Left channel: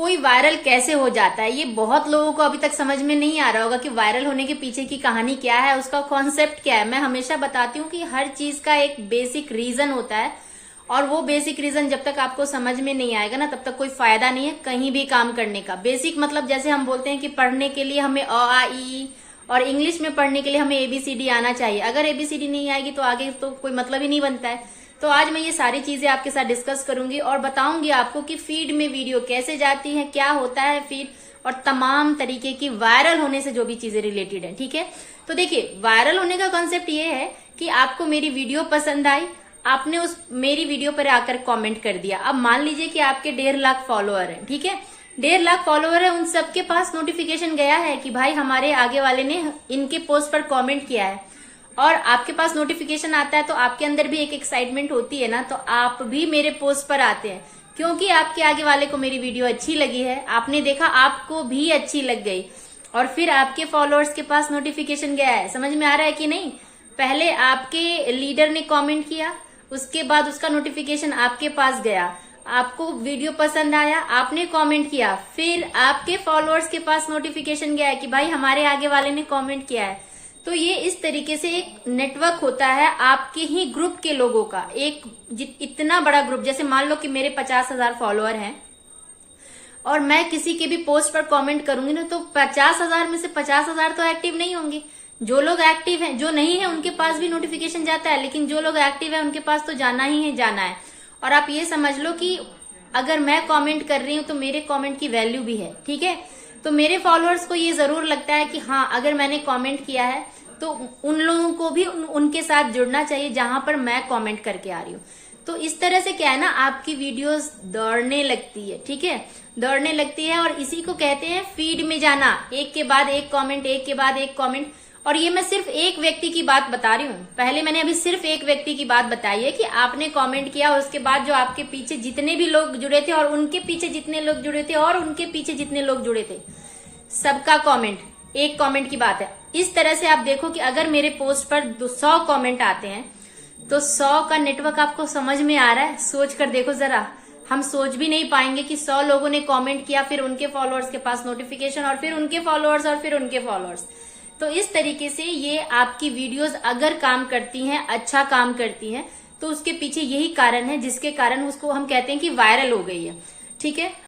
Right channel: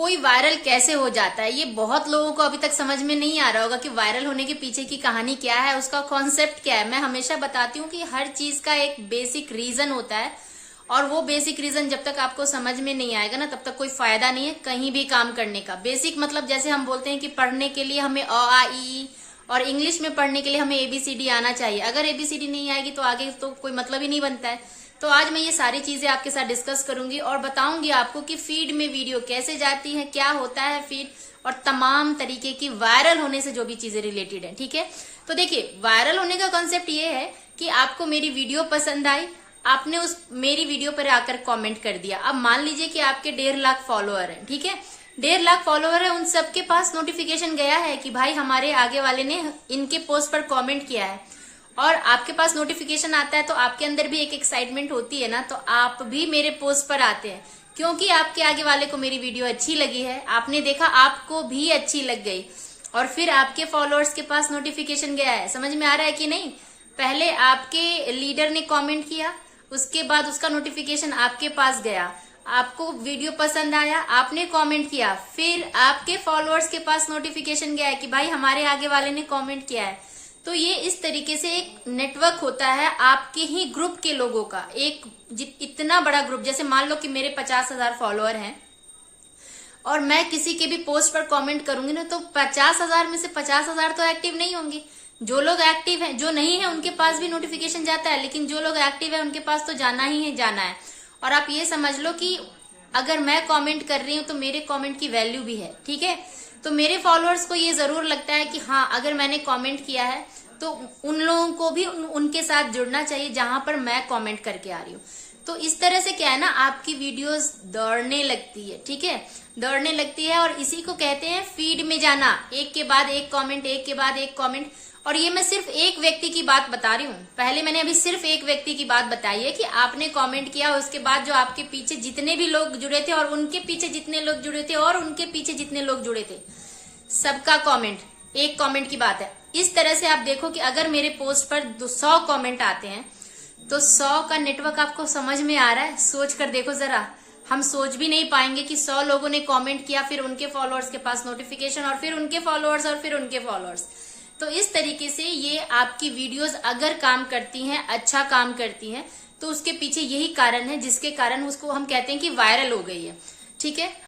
कोई वायरल कैसे हो जाता है, ये बहुत लोगों को अभी तक समझ में नहीं आ रहा होगा कि वायरल होने के पीछे की कहानी क्या है, उसका कॉन्सेप्ट क्या है। मैं हमेशा बताती हूँ कि हर चीज का एक बेसिक रीजन होता है और वो बेसिक रीजन जब तक आपको समझ में नहीं आएगा ना, तब तक कोई फायदा नहीं है कहीं भी काम करने का। बेसिक मतलब जैसे हम बोलते हैं कि पढ़ने के लिए हमें अ आ इ ई, और इंग्लिश में पढ़ने के लिए हमें ABCD आना चाहिए। अगर ABCD नहीं आएगी तो आगे तो कोई मतलब ही नहीं बनता है। तो आज मैं ये सारी चीजें आपके साथ डिस्कस करूंगी और बताऊंगी आपको कि फीड में वीडियो कैसे जाती है, क्या होता है फीड, और तमाम तरीके की वायरल होने से जो भी चीजें रिलेटेड है। ठीक है, तो देखिए वायरल होने का कॉन्सेप्ट ये है कि आपको मेरी वीडियो पसंद आई, आपने उस मेरी वीडियो पर आकर कमेंट कर दिया। अब मान लीजिए कि आपके 1.5 लाख फॉलोअर हैं, ठीक है, 1.5 लाख फॉलोअर है, उन सबके पास नोटिफिकेशन गया है कि भाई हमारे आगे वाले ने इनके पोस्ट पर कमेंट किया है, और आपके पास नोटिफिकेशन आता है तो आपके अंदर भी एक एक्साइटमेंट होती है ना, तो आप भी मेरे पोस्ट पर आते हैं क्योंकि आपके आगे वाले को मेरी वीडियो अच्छी लगी है, आपने देखा आपको भी अच्छी लग गई, और फिर आपके फॉलोअर्स के पास नोटिफिकेशन गया है। समझ में आ रहा है कि नहीं? पहले आपके लीडर ने कमेंट किया, उसके बाद उसका नोटिफिकेशन आपके पास गया, आपको वीडियो पसंद आया, आपने कमेंट किया, फिर आपके फॉलोअर्स के पास नोटिफिकेशन गया है कि भाई हमारे आगे वाले ने कमेंट किया है। तो ये इस तरीके से एक नेटवर्क होता है आपके ही ग्रुप के लोगों का, एक इतना बड़ा ग्रुप। जैसे मान लो कि मेरे 50,000 फॉलोअर हैं और मैं किसी के भी पोस्ट पर कमेंट करूंगी ना, तो 50,000 में से 50,000 तो एक्टिव नहीं होंगे। जो लोग एक्टिव हैं, जो नहीं है उनके पास भी नोटिफिकेशन जाता है, लेकिन जो लोग एक्टिव है उनके पास तो जाना ही है, जाना है। और आप ये समझ लो कि अगर मैं कमेंट कर रही हूँ तो मेरे कमेंट की वैल्यू भी है। ठीक है, तो मेरे फॉलोअर्स को ये जरूर लगता है कि हाँ, अगर मैंने कमेंट किया है तो उन लोगों को भी उनके साथ जुड़ना चाहिए जहां पर मैं कमेंट करके आ रही हूँ। तो इस तरह से क्या है ना, आपकी वीडियोस दौड़ने लगती है। ठीक है, दौड़ने लगती है, और इसी को कहते हैं फीड में जाना, एक के बाद एक कमेंट, एक के बाद एक कमेंट। और ये मैं सिर्फ एक व्यक्ति की बात बता रही हूँ, पहले मैंने अभी सिर्फ एक व्यक्ति की बात बताई है कि आपने कमेंट किया, उसके बाद जो आपके पीछे जितने भी लोग जुड़े थे और उनके पीछे जितने लोग जुड़े थे और उनके पीछे जितने लोग जुड़े थे, सबका कमेंट, एक कमेंट की बात है। इस तरह से आप देखो कि अगर मेरे पोस्ट पर 100 कमेंट आते हैं तो 100 का नेटवर्क आपको समझ में आ रहा है? सोच कर देखो जरा, हम सोच भी नहीं पाएंगे कि 100 लोगों ने कमेंट किया, फिर उनके फॉलोअर्स के पास नोटिफिकेशन, और फिर उनके फॉलोअर्स, और फिर उनके फॉलोअर्स। तो इस तरीके से ये आपकी वीडियोस अगर काम करती हैं, अच्छा काम करती हैं, तो उसके पीछे यही कारण है जिसके कारण उसको हम कहते हैं कि वायरल हो गई है। ठीक है।